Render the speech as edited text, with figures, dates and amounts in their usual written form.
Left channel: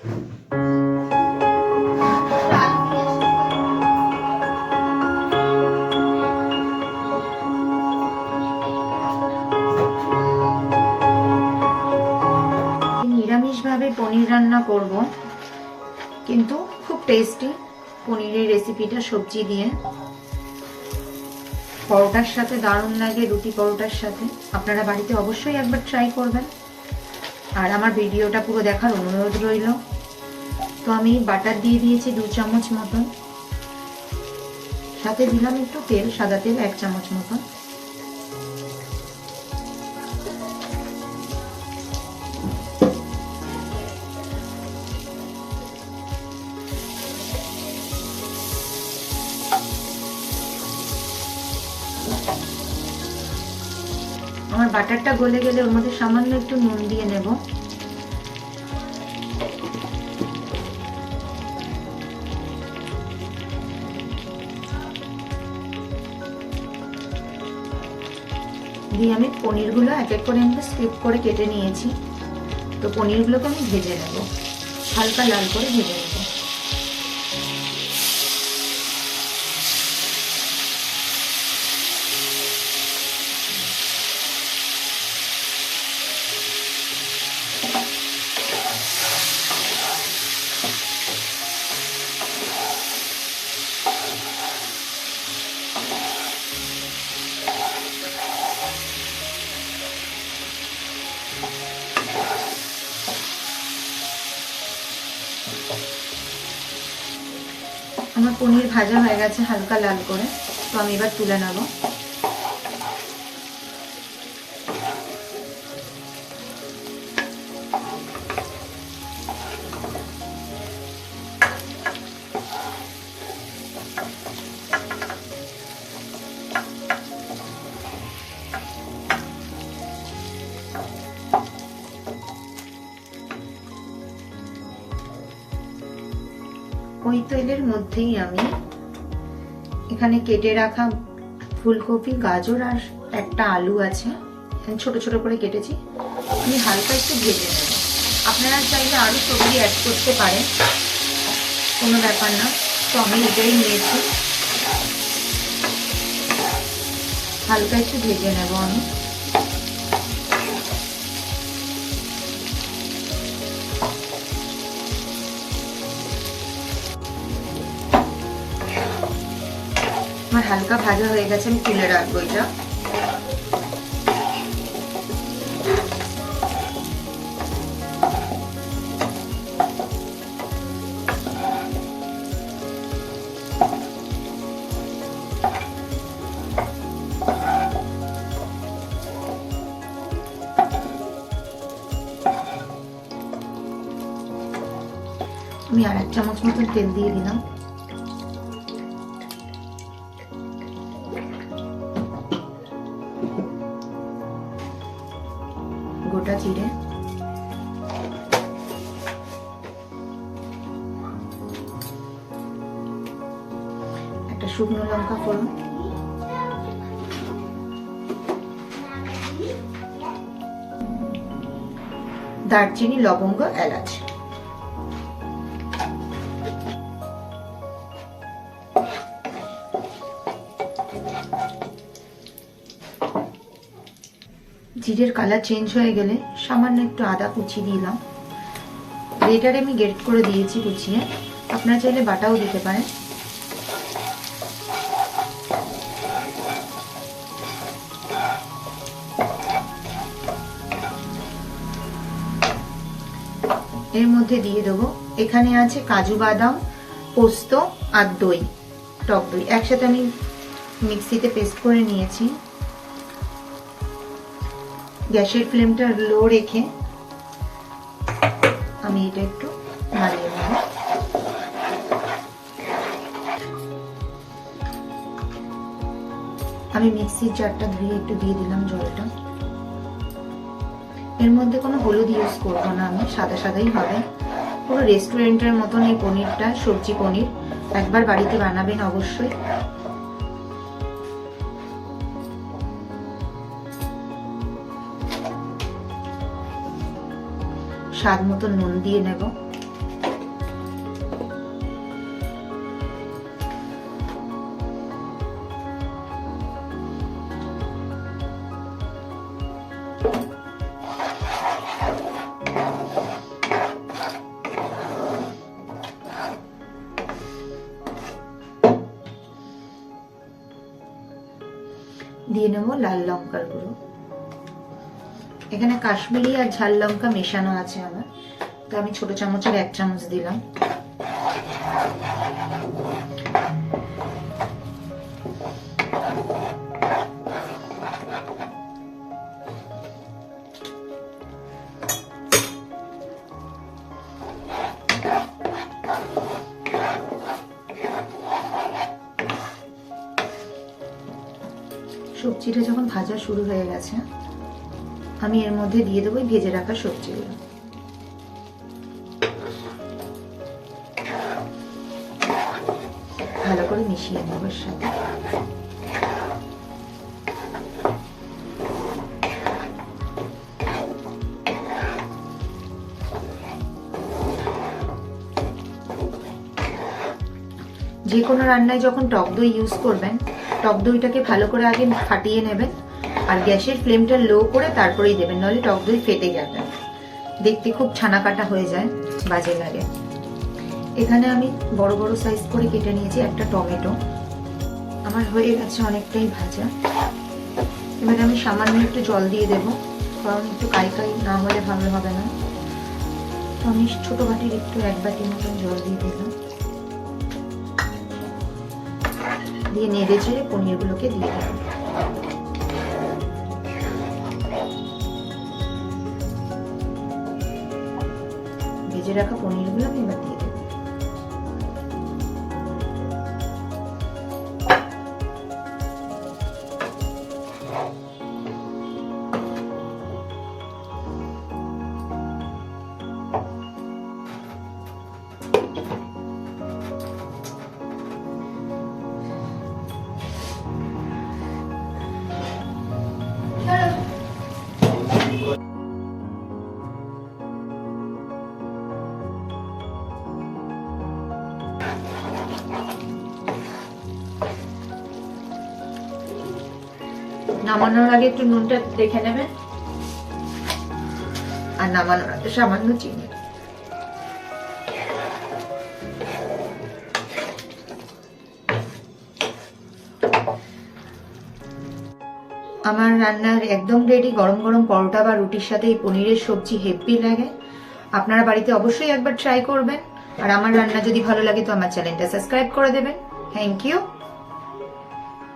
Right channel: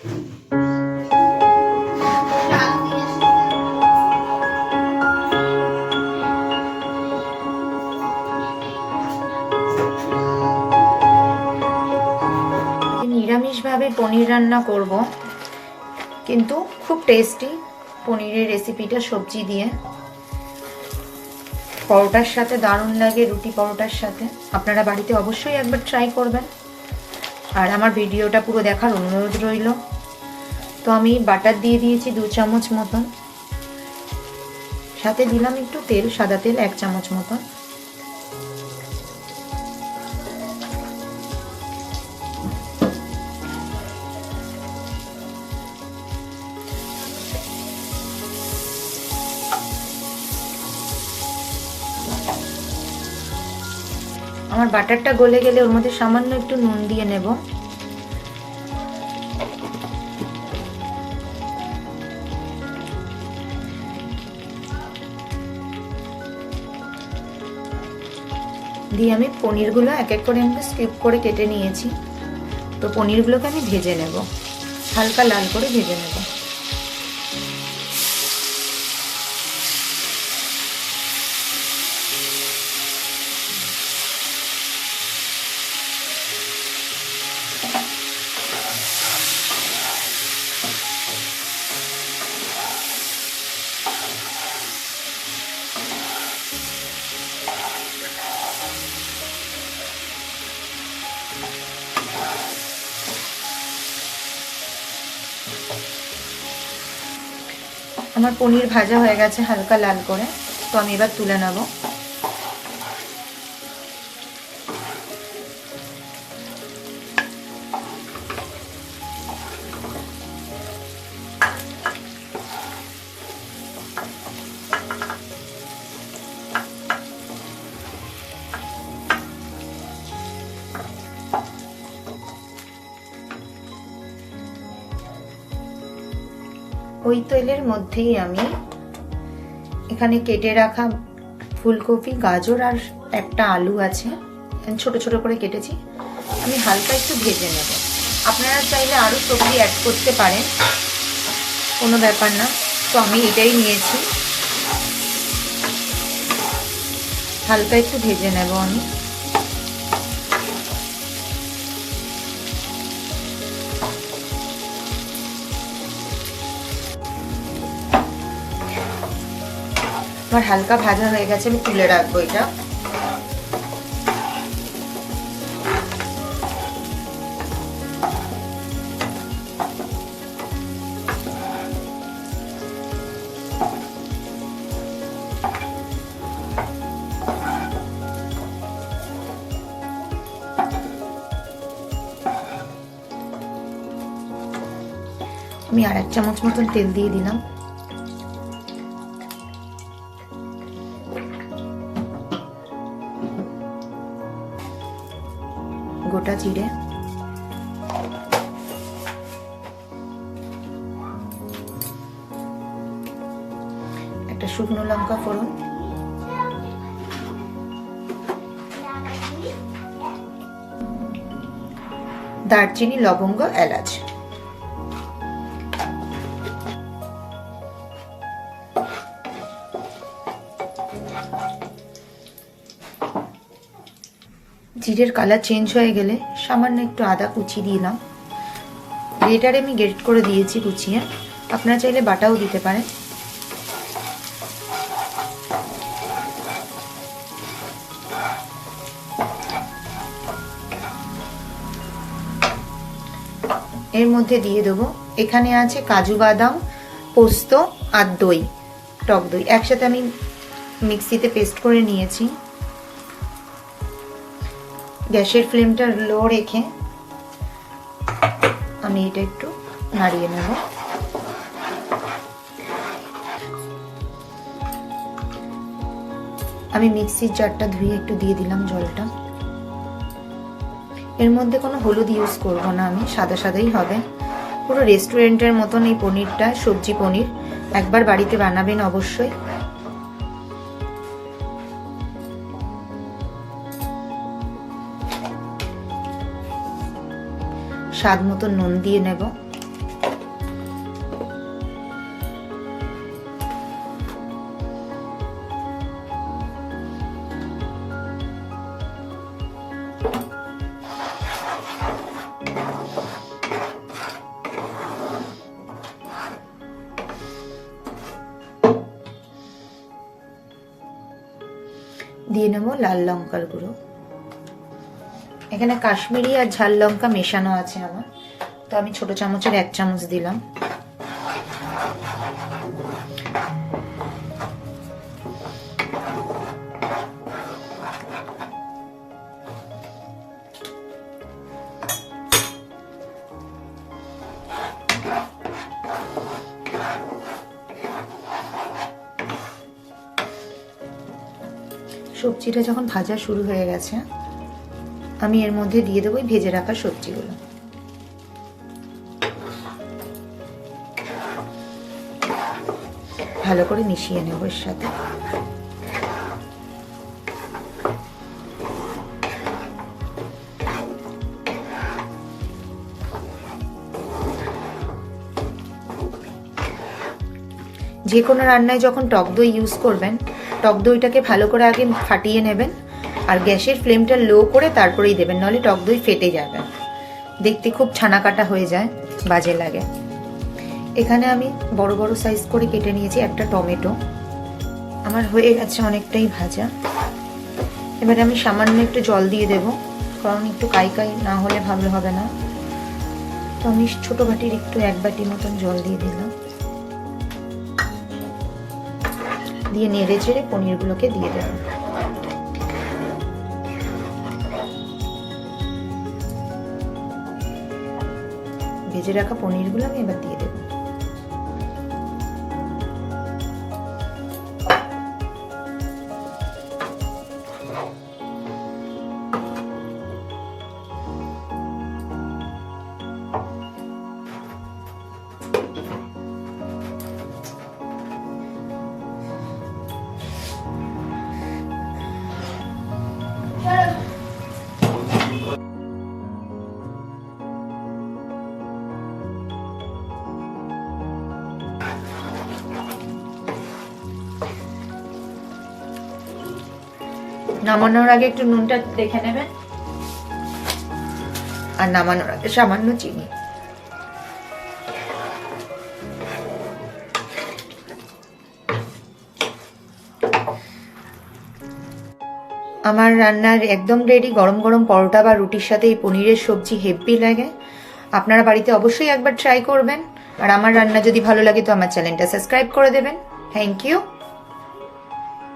নিরামিষভাবে পনির রান্না করব, কিন্তু খুব টেস্টি পনিরের রেসিপিটা সবজি দিয়ে। পরোটার সাথে দারুণ লাগে, রুটি পরোটার সাথে। আপনারা বাড়িতে অবশ্যই একবার ট্রাই করবেন, আর আমার ভিডিওটা পুরো দেখার অনুরোধ রইল। তো আমি বাটার দিয়ে দিয়েছি 2 চামচ মতন, সাথে দিলাম একটু তেল, সাদা তেল 1 চামচ মতন। আমার বাটারটা গলে গেলে ওর মধ্যে সামান্য একটু নুন দিয়ে নেব। দিয়ে আমি পনিরগুলো এক এক করে স্কিপ করে কেটে নিয়েছি। তো পনিরগুলোকে আমি ভেজে নেব, হালকা লাল করে ভেজে নেব। আমার পনির ভাজা হয়ে গেছে হালকা লাল করে, তো আমি এবার তুলে নেব। ওই তেলের মধ্যেই আমি এখানে কেটে রাখা ফুলকপি, গাজর আর একটা আলু আছে, ছোট ছোট করে কেটেছি, আমি হালকা একটু ভেজে নেব। আপনারা চাইলে আরো সবজি অ্যাড করতে পারেন, কোনো ব্যাপার না। তো আমি এটাই নিয়েছি, হালকা একটু ভেজে নেব আমি। আমার হালকা ভাজা হয়ে গেছে, আমি তুলে রাখবো এটা। আমি আর 1 চামচ মতন তেল দিয়ে দিলাম। গোটা জিরে, একটা শুকনো লঙ্কা ফোড়ন, দারচিনি, লবঙ্গ, এলাচ। জিরের কালার চেঞ্জ হয়ে গেলে সামান্য একটু আদা কুচি দিলাম। গ্রেটারে আমি গ্রেট করে দিয়েছি কুচিয়ে, আপনারা চাইলে বাটাও দিতে পারেন। এর মধ্যে দিয়ে দেবো, এখানে আছে কাজু বাদাম, পোস্ত আর দই, টক দই একসাথে আমি মিক্সিতে পেস্ট করে নিয়েছি। গ্যাসের ফ্লেমটা লো রেখে আমি এটা একটু নাড়িয়ে নেব। আমি মিক্সির জারটা ধুয়ে একটু দিয়ে দিলাম জলটা। এর মধ্যে কোনো হলুদ ইউজ করব না, আমি সাদা সাদাই হবে। পুরো রেস্টুরেন্টের মতন এই পনিরটা, সবজি পনির, একবার বাড়িতে বানাবেন অবশ্যই। স্বাদ মতো নুন দিয়ে নেব। দিয়ে নেব লাল লঙ্কার গুঁড়ো। এখানে কাশ্মীরি আর ঝাল লঙ্কা মেশানো আছে আমার, তো আমি ছোট চামচের 1 চামচ দিলাম। সবজিটা যখন ভাজা শুরু হয়ে গেছে, আমি এর মধ্যে দিয়ে দেবো ভেজে রাখা সবজিগুলো। ভালো করে মিশিয়ে নেব এর সাথে। যে কোনো রান্নায় যখন টক দই ইউজ করবেন, টক দইটাকে ভালো করে আগে ফাটিয়ে নেবেন আর গ্যাসের ফ্লেমটা লো করে তারপরেই দেবেন, নাহলে টক দই ফেটে যাবে, দেখতে খুব ছানা কাটা হয়ে যায়, বাজে লাগে। এখানে আমি বড় বড় সাইজ করে কেটে নিয়েছি একটা টমেটো। আমার হয়ে গেছে অনেকটাই ভাজা। এবারে আমি সামান্য একটু জল দিয়ে দেব, কারণ একটু কাই কাই না হলে ভালো হবে না। তো আমি ছোট বাটির একটু 1 বাটি মতন জল দিয়ে দিলাম, দিয়ে নেড়ে চেড়ে পনিরগুলোকে দিয়ে দেব। ভেজে রাখা পনিরগুলো আমি এবার দিয়ে দেব। নামানোর আগে একটু নুনটা দেখে নেবেন, আর নামানোর আগে সামান্য চিনি। আমার রান্নার একদম রেডি। গরম গরম পরোটা বা রুটির সাথে এই পনিরের সবজি হেভি লাগে। আপনারা বাড়িতে অবশ্যই একবার ট্রাই করবেন। আর আমার রান্না যদি ভালো লাগে তো আমার চ্যানেলটা সাবস্ক্রাইব করে দেবেন। Thank you.